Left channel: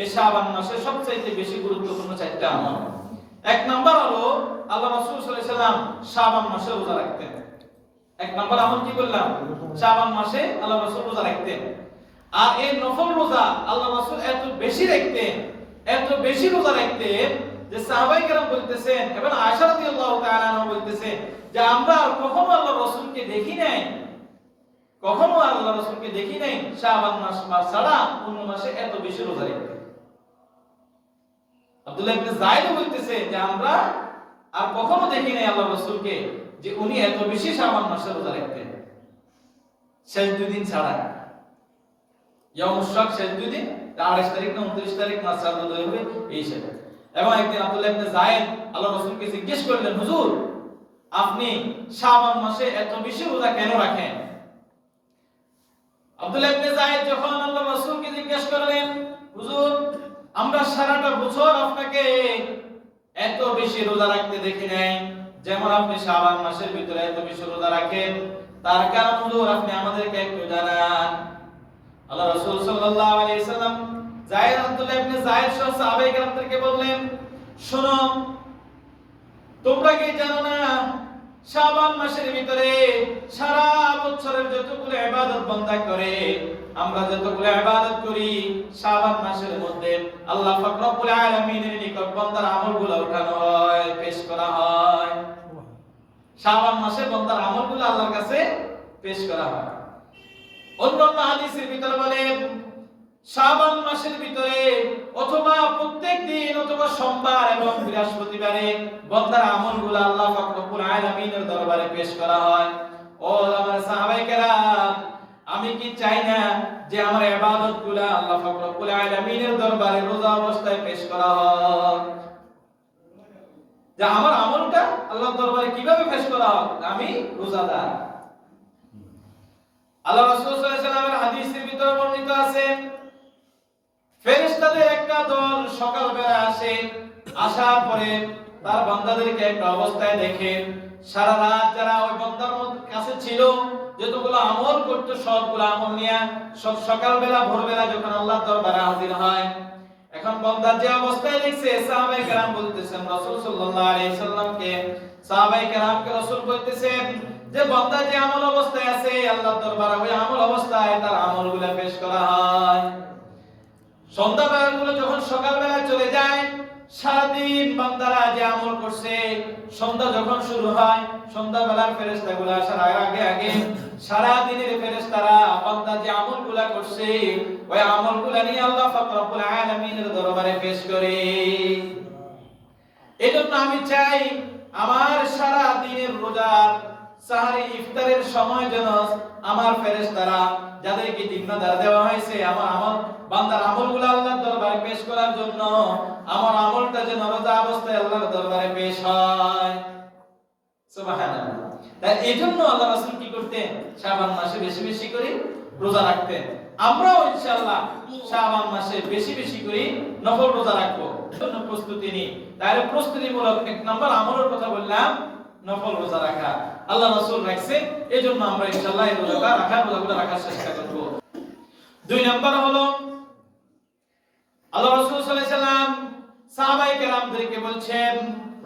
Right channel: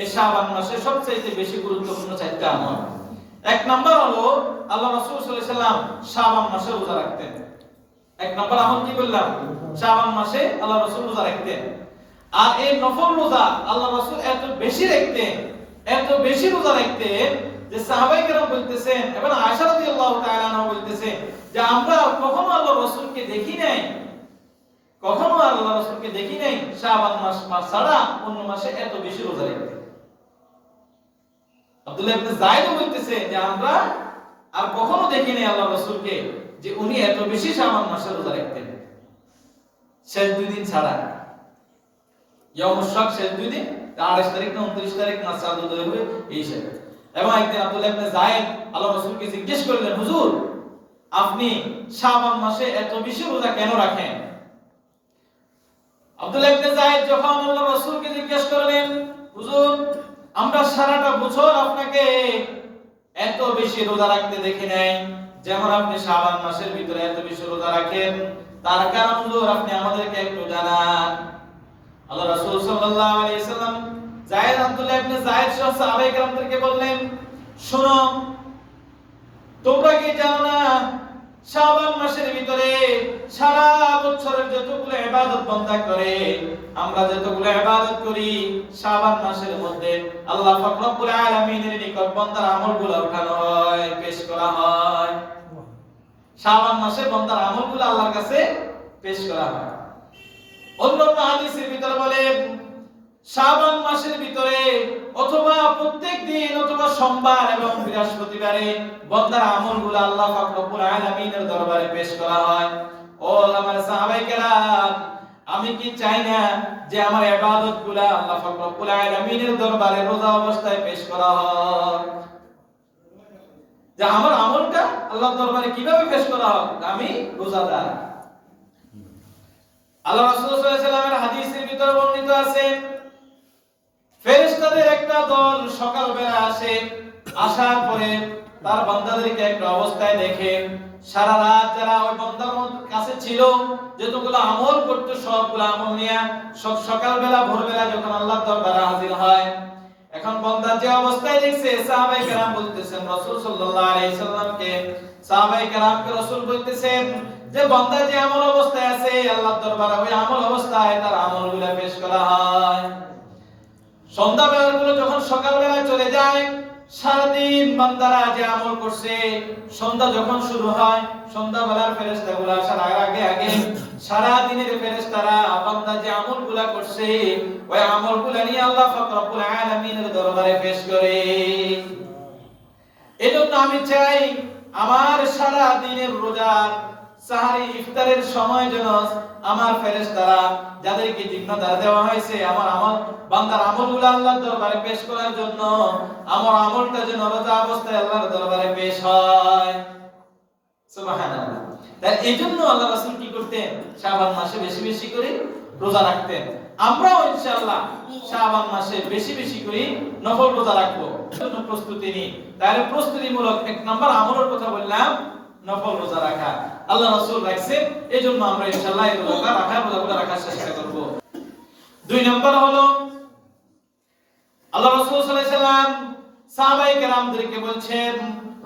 এই শাবান মাসে সবচেয়ে বেশি গুরুত্বপূর্ণ চারটা আমল। এক নাম্বার হলো আল্লাহ রাসূল সাল্লাল্লাহু আলাইহি সাল্লাম শাবান মাসে রোজা রাখতেন। এক নাম্বার আমল কি বললাম? শাবান মাসে আল্লাহ রাসূল রোজা রাখতেন। আর এই নফল রোজা আল্লাহ রাসূল এত বেশি রাখতেন, এত বেশি রোজা রাখতেন যে সাহাবায়ে কেরাম বলতেছেন এবং আয়েশা রাদিয়াল্লাহু তাআলা আনহা বলতেছেন যে আমরা কখনো আল্লাহ রাসূলকে দেখি নাই, কখনো আল্লাহ রাসূলকে দেখি নাই শাবান মাস ছাড়া অন্য মাসে এত বেশি রোজা রাখতেন। আব্দুল্লাহ ইবনে যায়েদ বলতেছে যে আমরা আর কখনো দেখি নাই আল্লাহ রাসূলকে যে উনি এত বেশি শাবান মাসে রোজা রাখতেন, শেষ দুই দিন ছাড়া। ইয়াউমুশ শাক শেষ দুই দিন, 28 তারিখ না 29 তারিখ না চাঁদ উদয় হবে এই শেষে। এবং একদিন আব্দুল্লাহ ইবনে যায়েদ আল্লাহ রাসূলকে জিজ্ঞেস করলেন, হুজুর আপনি শাবান মাসে এত বেশি রোজা কেন রাখেন? আব্দুল্লাহ ইবনে যায়েদ যখন আল্লাহ রাসূলকে জিজ্ঞেস করলেন, হুজুর আমরা সারাটা বছর আপনাকে এত বেশি রোজা রাখতে দেখি নাই, যেমন আপনি শাবান মাসের ভিতরে এত বেশি রোজা রাখেন, তার কারণ হুজুর আপনি আমাদেরকে একটু জানান। আল্লাহ রাসূল সাল্লাল্লাহু আলাইহি সাল্লাম যায়েদ আব্দুল্লাহ ইবনে যায়েদ সহ সাহাবায়ে কেরামদেরকে বললেন, শোনো তোমরা কি জানো না শাবান মাসের ভিতরে সারা বছরের যতগুলো ইবাদত বান্দা করে, আমরা যতগুলো ইবাদত করি শাবান মাসের মধ্যে আল্লাহ পাক রব্বুল আলামিনের নিকট বান্দার আমলগুলো উঠানো হয়, পেশ করা হয়। শাবান মাসে বান্দার আমলগুলো আল্লাহর কাছে পেশ করা হয়। অন্যান্য হাদিসের ভিতরে বলেন শাবান মাসের ভিতরে অথবা প্রত্যেক দিন অথবা সোমবার এবং বৃহস্পতিবারে বান্দার আমলগুলো আল্লাহ পাক রব্বুল আলামিনের দরবারে পেশ করা হয়। ও আমার সাহাবায়ে কেরাম, আমি কি চাই না যে আমার ইবাদতগুলো আল্লাহ পাক রব্বুল আলামিনের দরবারে রোজা অবস্থায় পেশ করা হয়? যে আমার আমলটা আল্লাহর দরবারে কিভাবে পেশ করা হয়? আমি রোজাদার। আল্লাহ রাসূল সাল্লাল্লাহু আলাইহি ওয়াসাল্লামের হাদিসের ভিতরে বর্ণিত আছে, ফেরেশতাদের একটা দল সকালবেলা আসে, আসার পরে তার বান্দাদেরকে একটা অবস্থায় দেখে সারা রাত যারা ওই বান্দার কাছে ছিল যতগুলো আমল করতে সবগুলো আমল নিয়ে সকালবেলা ভোরবেলা যখন আল্লাহর দরবারে হাজির হয়, এখন বান্দা যে অবস্থায় দেখছে সাহাবায়ে কেরাম বলতেছেন রাসূল সাল্লাল্লাহু আলাইহি সাল্লামকে, সাহাবায়ে কেরামকে রাসূল বলতেছেন যে বান্দা যে আমল অবস্থায় আছে আল্লাহর দরবারে ওই আমল অবস্থায় তার আমলগুলো পেশ করা হয়। সন্ধ্যাবেলাগুলো যখন সকালবেলা চলে যায়, সারাদিন বান্দারা যে আমল করছে সন্ধ্যা যখন শুরু হয়, সন্ধ্যাবেলার ফেরেশতাগুলো আসার আগে আগে সারা দিনের ফেরেশতারা বান্দা যে আমলগুলো করছে ওই আমলগুলো নিয়ে আল্লাহ পাক রব্বুল আলামিনের দরবারে পেশ করে। এজন্য আমি চাই আমার সারা দিনের রোজার সাহারি ইফতারের সময় যেন আমার ফেরেশতারা যাদেরকে জিম্মাদার দেওয়া হয়েছে আমার আমল বান্দার আমলগুলো আল্লাহর দরবারে পেশ করার জন্য, আমার আমলটা যেন রোজা অবস্থায় আল্লাহর দরবারে পেশ হয়। সুবহানাল্লাহ। তাই এইজন্য আল্লাহ রাসূল কি করতেন? শাবান মাসে বেশি বেশি করে রোজা রাখতেন। আমরাও ইনশাআল্লাহ শাবান মাসে বেশি বেশি করে নফল রোজা রাখবো, জন্য প্রস্তুতি নিই। তাহলে প্রস্তুতিমূলক এক নাম্বার আমলের কথা বললাম, নফল রোজা রাখা। আল্লাহ রাসূল রাখছে, এজন্য আমরা ইনশাআল্লাহ এই রোজা রাখার চেষ্টা করব। দুই নাম্বার হলো আল্লাহ রাসূল সাল্লাল্লাহু আলাইহি সাল্লাম সাহাবায়ে কেরামদেরকে বলছেন,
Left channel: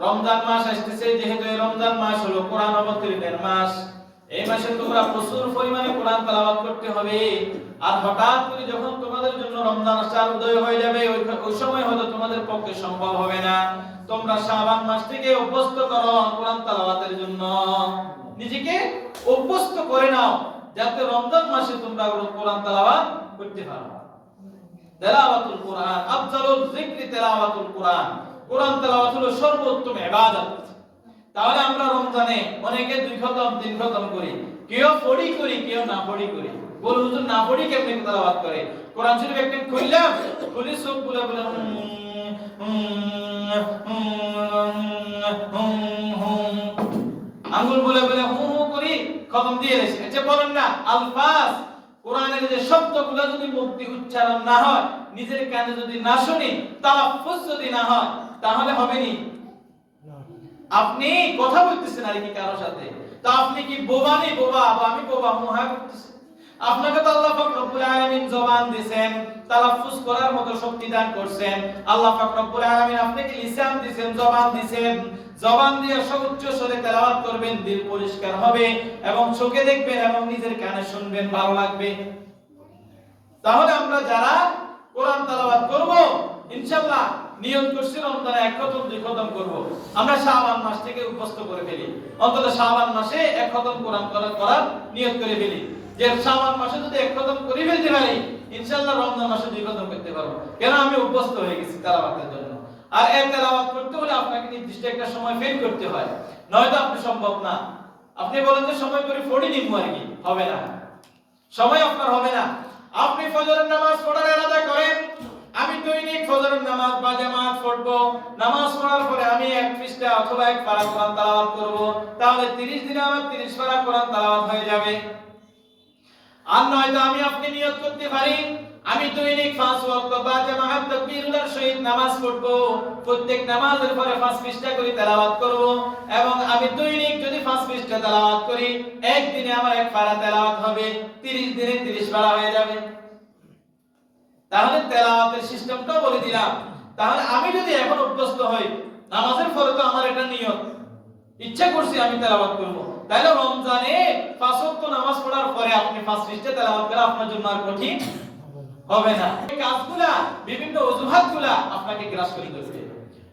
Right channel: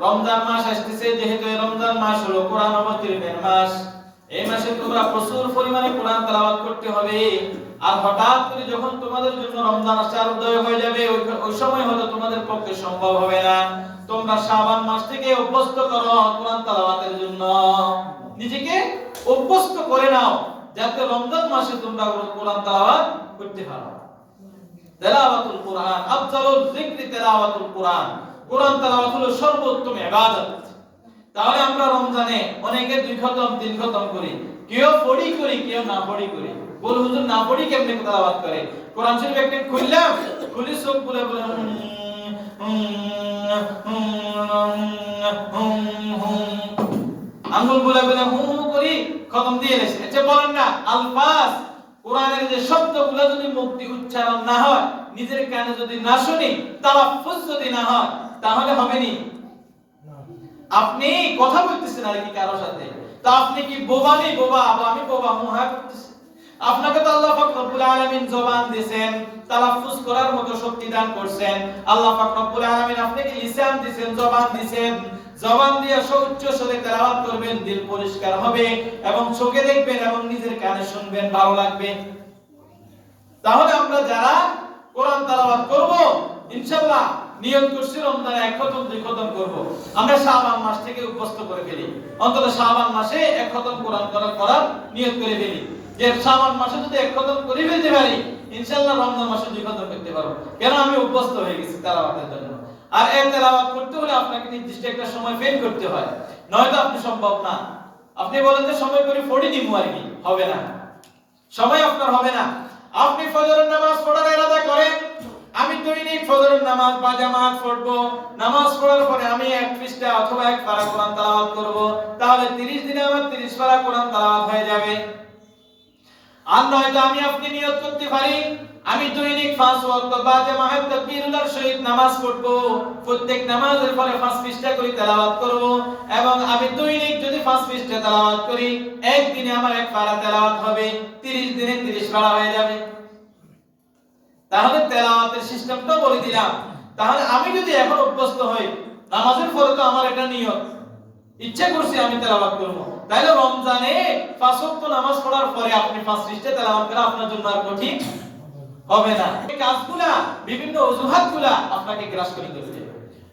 রমজান মাস আসছে, যেহেতু এই রমজান মাস হলো কোরআন অবতীর্ণের মাস, এই মাসে তোমরা প্রচুর পরিমাণে কোরআন তেলাওয়াত করতে হবে। আর হঠাৎ করে যখন তোমাদের জন্য রমজান আসার উদয় হয়ে যাবে ওই সময় হয়তো তোমাদের পক্ষে সম্ভব হবে না। তোমরা শাবান মাস থেকে অভ্যস্ত করো কোরআন তেলাওয়াতের জন্য, নিজেকে অভ্যস্ত করে নাও যাতে রমজান মাসে তোমরা কোরআন তেলাওয়াত করতে পারো। তেলাওয়াতুল কোরআন আফজালুল যিকরি তেলাওয়াতুল কোরআন, কোরআন তেলাওয়াত হলো সর্বোত্তম ইবাদত। তাহলে আমরা রমজানে অনেকে 2 খতম 3 খতম করি, কেউ পড়ি করি কেউ না পড়ি করি। বল হুজুর না পড়ি কেমনে তেলাওয়াত করে? কোরআন শরীফ একটা খুললাম, খুলি চোখ বলে বলে আঙ্গুল বলে বলে করি খতম দিয়ে দিয়েছে। আচ্ছা বলেন না আলফাজ কোরআনের যে শব্দগুলো যদি মুখ দিয়ে উচ্চারণ না হয়, নিজের কানে যদি না শুনি, তালাফফুজ যদি না হয়, তাহলে হবে নি? আপনি কথা বলতেছেন আর কি কারোর সাথে, তা আপনি কি বোবা নেই? বোবা আমি বোবা মুহা করতেছি। আপনাকে তো আল্লাহ পাক রব্বুল আলামিন জবান দিবেন, তালাফুজ করার মতো শক্তি দান করছেন। আল্লাহ পাক রব্বুল আলামিন আপনাকে লিসান দিবেন, জবান দিবেন। জবান দিয়ে উচ্চ স্বরে তেলাওয়াত করবেন, দিল পরিষ্কার হবে এবং চোখে দেখবেন এবং নিজের কানে শুনবেন, ভালো লাগবে। তাহলে আমরা যারা কোরআন তেলাওয়াত করব, ইনশাআল্লাহ নিয়ত করছি রমজানে এক খতম দুই খতম করব। আমরা শাবান মাস থেকে উপস্থিত করে ফেলি, অন্তত শাবান মাসে এক খতম কোরআন করার নিয়ত করে ফেলি, যে শাবান মাসে যদি এক খতম করে ফেলতে পারি, ইনশাআল্লাহ রমজান মাসে দুই খতম করতে পারবো। কেন? আমি উপস্থিত হয়ে গেছি তেলাওয়াতের জন্য। আর এই তেলাওয়াত করতে হলে আপনাকে নির্দিষ্ট একটা সময় ফেল করতে হয়, নয়তো আপনি সম্ভব না। আপনি বলেন যে সময় করে পড়ে নিব আর কি, হবে না, সময় আপনার হবে না। আপনি ফজরের নামাজ পড়ার ইরাদা করেন, আমি দৈনিক ফজরের নামাজ বা জামাত পড়বো, নামাজ পড়ার পরে আমি এক পৃষ্ঠা অথবা এক পারা কোরআন তেলাওয়াত করব, তাহলে 30 দিনে আমার 30 পারা কোরআন তেলাওয়াত হয়ে যাবে। আর নয়তো আমি আপনি নিয়ত করতে পারি, আমি দৈনিক 5 ওয়াক্ত বা জামাত তাকবীরুল্লাহর সহিত নামাজ পড়ব, প্রত্যেক নামাজের পরে 5 পৃষ্ঠা করে তেলাওয়াত করব, এবং আমি দৈনিক যদি 5 পৃষ্ঠা তেলাওয়াত করি, একদিনে আমার এক পারা তেলাওয়াত হবে, 30 দিনে 30 পারা হয়ে যাবে। তাহলে তেলাওয়াতের সিস্টেমটা বলে দিলাম। তাহলে আমি যদি এখন অভ্যস্ত হই, নামাজের পরে তো আমার এটা নিয়ত, ইচ্ছা করছি আমি তেলাওয়াত করব, তাহলে রমজানে 5 ওয়াক্ত নামাজ পড়ার পরে আপনি 5 পৃষ্ঠা তেলাওয়াত করা আপনার জন্য আর কঠিন হবে না। এই কাজগুলা, বিভিন্ন অজুহাতগুলা আপনাকে গ্রাস করে দিতে।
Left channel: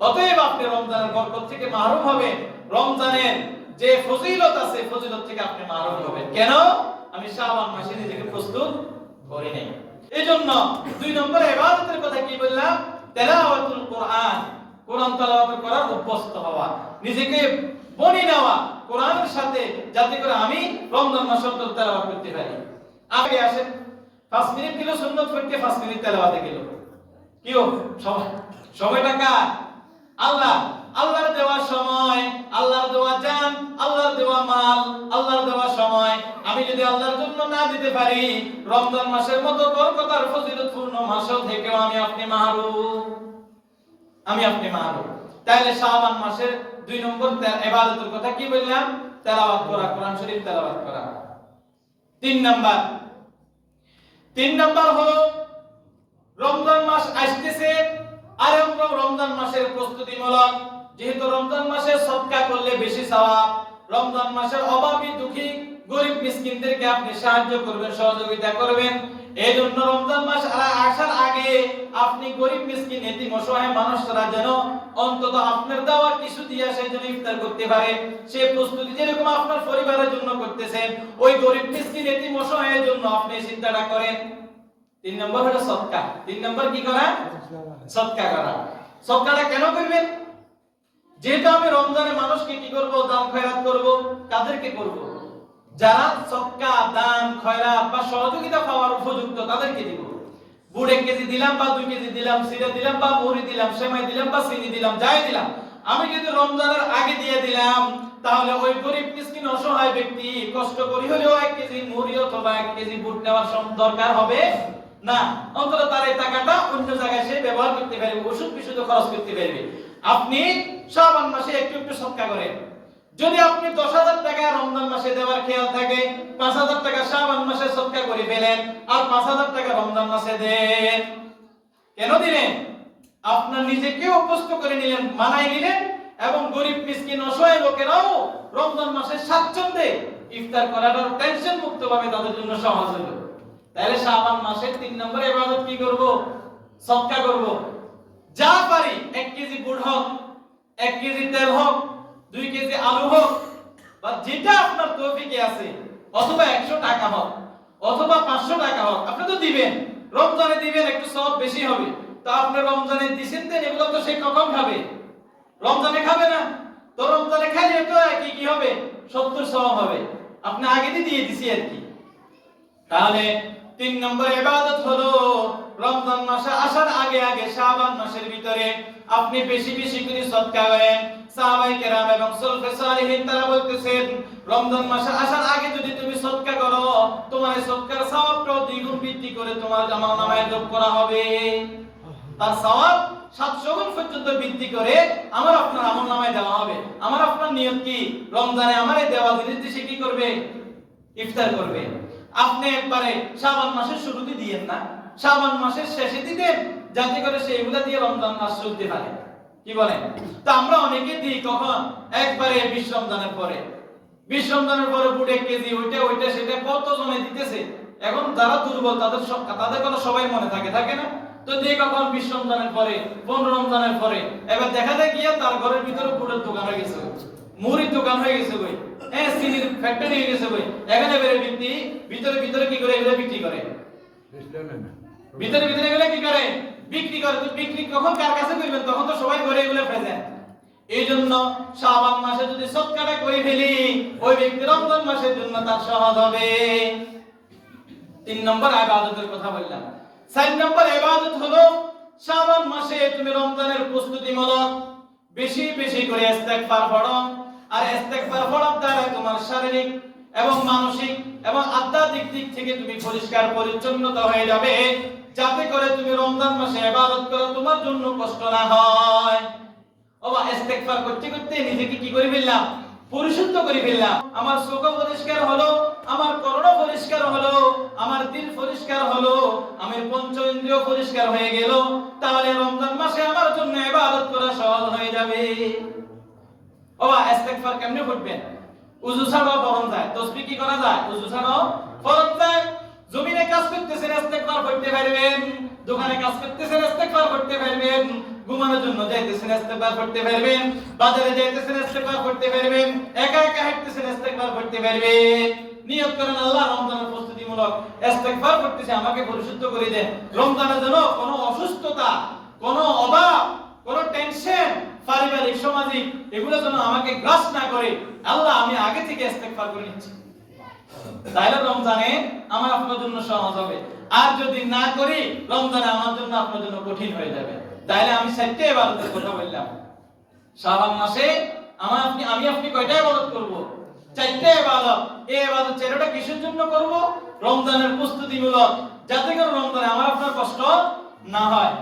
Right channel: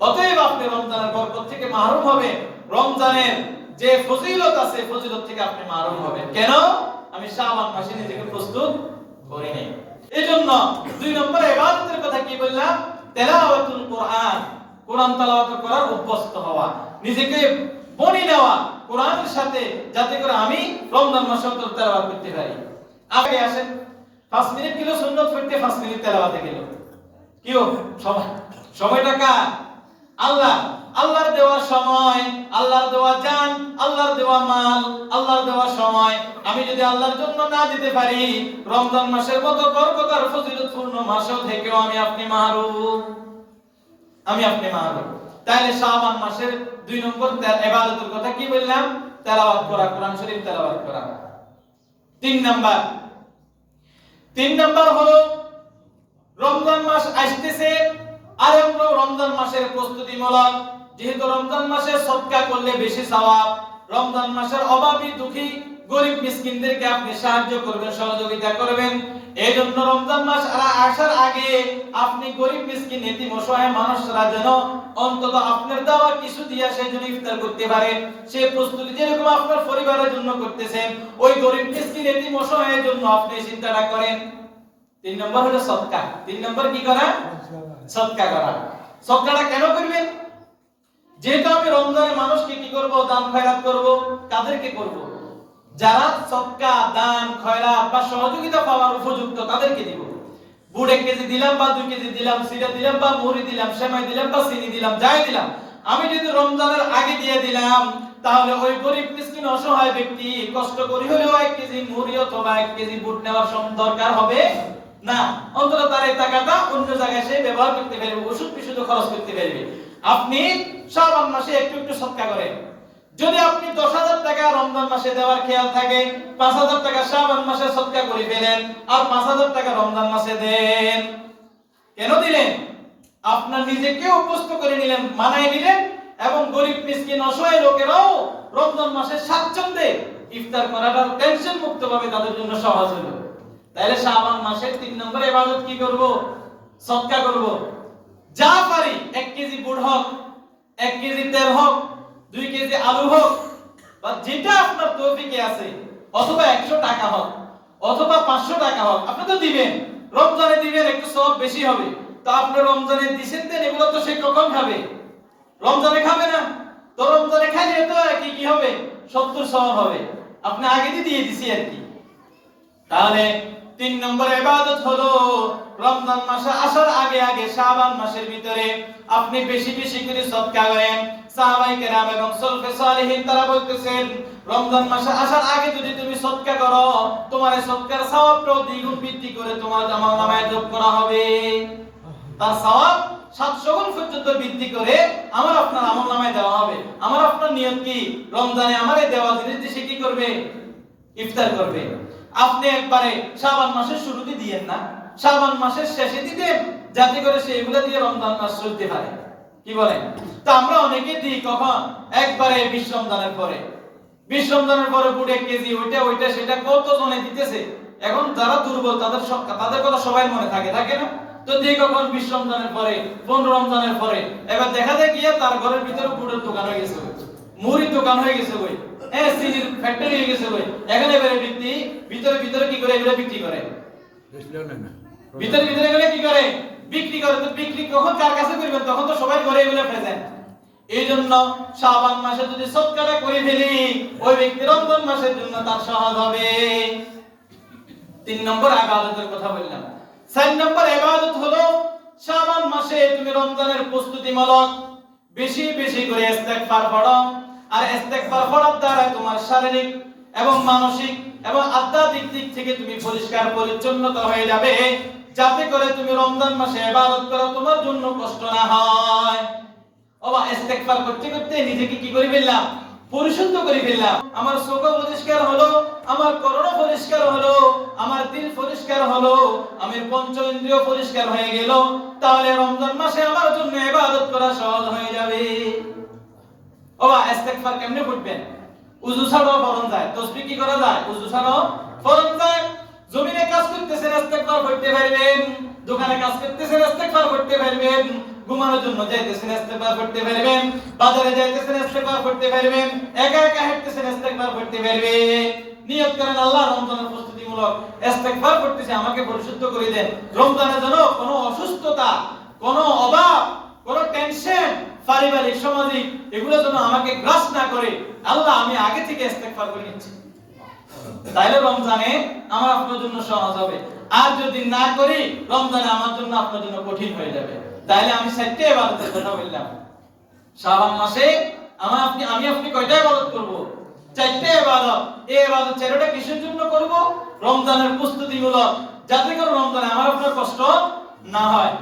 অতএব আপনি রমজানের বরকত থেকে মাহরুম হবেন, রমজানের যে ফজিলত আছে ফজিলত থেকে আপনি মাহরুম হবেন। কেন? আমি শাবান মাসে নিজেকে প্রস্তুত করি নাই। এজন্য 2 নম্বরে ইবাদতের কথা কি বললাম? তেলাওয়াতুল কোরআন, কোরআন তেলাওয়াত করার অভ্যস্ত হওয়া, নিজেকে বনি নেওয়া কোরআনের সাথে, যাতে করে আমি রমজান মাসে তেলাওয়াত করতে পারি। আগে আসেন 5 মিনিট গেল সুন্নাত পড়তে, 5 মিনিট তেলাওয়াতে গেল, কি ও সময়টা কার? আল্লাহ। আল্লাহর দেওয়া সময়, আল্লাহর দেওয়া জান, আল্লাহর দেওয়া মাল, আল্লাহর দেওয়া সময় আমি যদি আল্লাহর জন্য না দিতে পারি, রমজান মাসের মতো বরকতার ফজিলতপূর্ণ মাসও থেকেও আমি আপনি মাহরুম, আমি আপনি মাহরুম। তাহলে শাবান মাসের 2 নম্বর ইবাদতের কথা কি বললাম? তেলাওয়াত করা, কোরআন শরীফ তেলাওয়াত করা। 3 নাম্বার হলো রমজান মাস আসতেছে, আর আমরা রমজান মাসের প্রস্তুতিমূলক, যেহেতু রমজান মাসে সদকা করলে বেশি সওয়াব, রমজান মাসের অভাবী দুঃখী গরিব মিসকিনদেরকে আপনি সাহায্য করবেন, সহযোগিতা করবেন। এই জন্য রমজান মাস আসার আগে আপনি গরিব মিসকিন এতিম অসহায় মানুষরা যেন অন্তত আপনার দেওয়া কিছু দিয়ে সেই জন্য ইফতার করতে পারে, সেই প্রস্তুতি যেরকম আপনার পরিবারের জন্য করতেছেন, ওই গরিব মিসকিন এতিম অসহায়ের জন্য আপনি চিন্তাটা করেন। 3 নম্বর হলো সদকা। 3 নম্বর কি করা? সদকা করা। সদকাটা কেন করবেন? যেহেতু আমি রমজানে মানুষকে কি করব? দান খয়রাত করব। কাদেরকে করব? যারা সদকা, দান, খয়রাত বা সহযোগিতা পাওয়ার উপযুক্ত তাদেরকে দিব। বুট 1 কেজি দিলাম বা 2 কেজি দিলাম, সিরা দিলাম বা মুড়ি দিলাম, সেমাই দিলাম বা চিনি দিলাম, যাই দিলাম, আমি যদি রমজানের আগে দিয়ে দিলাম, তাহলে ওই গরিব মিসকিন অসহায় ব্যক্তি কষ্ট করে হলেও 1 কেজি মুড়ি অথবা 1 কেজি বুট নেওয়ার দরকার হবে না। অন্তত তার এই টাকাটা অন্য জায়গায় সে ব্যবহার করতে পারবে, ওষুধ পিছুত খরচ করতে পারবে। আপনি শাবান মাসে একটু একটু সদকা করেন। যদি আপনি 10,000 টাকা রমজান মাসে দেওয়ার খেয়াল থাকে, 5,000 টাকা শাবান মাসে সদকা করে ফেলেন, আর 5,000 টাকা রমজান মাসে দেন। কেন দিলেন? আপনার নিজেকে অভ্যস্ত করে নিলেন, মানায় নিলেন, এবং গরিব মিসকিন অসহায় লোকেরাও রমজান মাসে স্বাচ্ছন্দ্যে ইফতার করাটা টেনশন মুক্ত ভাবে তাদের জন্য সহজ হলো। তাহলে শাবান মাসের 3 নম্বর ইবাদত কি করব? সদকা করব। যা পারি, 1 কেজি বুট হোক, 1 কেজি তেল হোক, 2 কেজি আলু হোক, বা যেটা আপনার তৌফিকে আছে, অথবা 100 টাকা হোক, অথবা 500 টাকা হোক, আপনি তো দিবেন। রমজানে দিবেন, একটু সওয়াব বেশি হবে। তো আপনি রমজানে দিবেন, দেন, এগুলো তো সে কখন খাবে? রমজানে খাবে না। তো রমজানে খাইলে তো কি হবে? 70 সওয়াব হবে। আপনি আগে দিয়ে দিছি আর কি। তাহলে 3 নম্বর ইবাদত হলো রমজান মাস আসার আগে আগে শাবান মাসের ভিতরে আপনি বেশি বেশি করে সদকা করেন। সাহাবায়ে কেরাম এবং সলফে সালেহিন তারা বলতেছেন, রমজান মাস আসার আগে যদি তুমি সদকা করো, তোমার এই সদকার সওয়াবটাও দ্বিগুণ বৃদ্ধি করে তোমার আমলনামায় যোগ করা হবে। তার সওয়াব 700 গুণ পর্যন্ত বৃদ্ধি করে আমার আপনার আমলনামায় দেওয়া হবে। আমার আপনার নিয়ত কি? রমজানে আমার এই দেওয়া জিনিস দিয়ে কি করবে? ইফতার করবে। আপনি একবারে শাবান মাসের শুরুতে দিয়েন না, শাবান মাসের শেষে দিবেন, যাতে করে সেইগুলা দিয়ে রমজান মাস চলতে পারে। কি বলেন? তো আমরা অনেকে দিই কখন? একবারে 20 রমজানের পরে। 20 রমজানের পরে বুড়ে কেজি ওইটা সেটা কত জনে দিতেছে। এখন যারা দুর্বল তাদের কথা সবাই মনে থাকে না? তো দিয়ে কখন 20 রমজানের পরে, 15 রমজানের পরে, এবার দেখা যায় গিয়ে তার ঘরের ভিতরে বুটের দোকান হয়ে গেছে, মুড়ির দোকান হয়ে গেছে, চিনির ফ্যাক্টরি হয়ে গেছে। এখানে এবারে ভিতরে কি করে এগুলো বিক্রি করে, ভিতরে এগুলো কি করে বিক্রি করে। তো বিক্রি কখন কার কাছে করবেন? তখন তো সবাই ঘরে এগুলো প্রেজেন্ট। এই জন্য শাবান মাসে যদি সদকাটা করে ফেলি, ওই ব্যক্তি রমজান মাসের জন্য তার সহজ হবে। 3 নম্বর ইবাদতের কথা বললাম। 4 নম্বর ইবাদত হলো শাবান মাসে তুমি রমজানের প্রস্তুতিমূলক বেশি বেশি করে ইস্তেগফার পড়ো। আর ইস্তেগফার পড়ার দ্বারা তোমার শারীরিক এবং মানসিক এবং আধ্যাত্মিক দিক থেকে তুমি পরিষ্কার পরিচ্ছন্নতা হয়ে যাবে, যাতে করে তুমি রমজান মাসে ইবাদত করো তোমার জন্য কষ্ট না হয়। ইস্তেগফার করতে করতে নিজেকে কি করে ফেললাম? পরিশুদ্ধ করে ফেললাম। আমার চোখ পরিষ্কার হলো, আমার কর্ণ পরিষ্কার হলো, আমার দিল পরিষ্কার হলো, আমার পঞ্চ ইন্দ্রিয় পরিষ্কার হয়ে গেল, তাহলে রমজান মাসে আমার জন্য ইবাদত করা সহজ হয়ে যাবে। ইস্তেগফার কেমনে করবেন? ওযু ছাড়াও ফরজ যায়, তাসবিহ কি করা যায়? ওযু ছাড়াও ফরজ যায়। জমিনে কাজ করতেছেন ইস্তেগফার করতে পারবেন, দোকানে কাজ করতেছেন ইস্তেগফার করতে পারবেন, ঘুমানোর জন্য যাইতেছেন ইস্তেগফার করতে পারবেন, বাজারে যাইতেছেন ইস্তেগফার করতে পারবেন, একা একা হাঁটতেছেন ইস্তেগফার করতে পারবেন। নিয়ত করেন আল্লাহ রমজানের প্রস্তুতিমূলক ইস্তেগফার করতেছি, আমাকে পরিশুদ্ধ করে দেন। রমজানে যেন কোনো অসুস্থতা, কোনো অভাব, কোনো টেনশন, পারিবারিক সামাজিক এগুলো যেন আমাকে গ্রাস না করে। আল্লাহ আমি আগে থেকে ইস্তেগফার করে নিচ্ছি, তাইলে রমজানে আমার আপনার জন্য সহজ হবে। আর যদি না করি রমজানে আমার জন্য আপনার জন্য কঠিন হয়ে যাবে। তাইলে আমি 4টা ইবাদতের কথা বললাম। শাবান মাসে আমি আপনি কয়টা ইবাদত করব? 4টা ইবাদত। এই ইবাদত 4টা কিসের জন্য করব? রমজানের প্রস্তুতিমূলক, যাতে করে রমজানে আমার আপনার কষ্ট না হয়।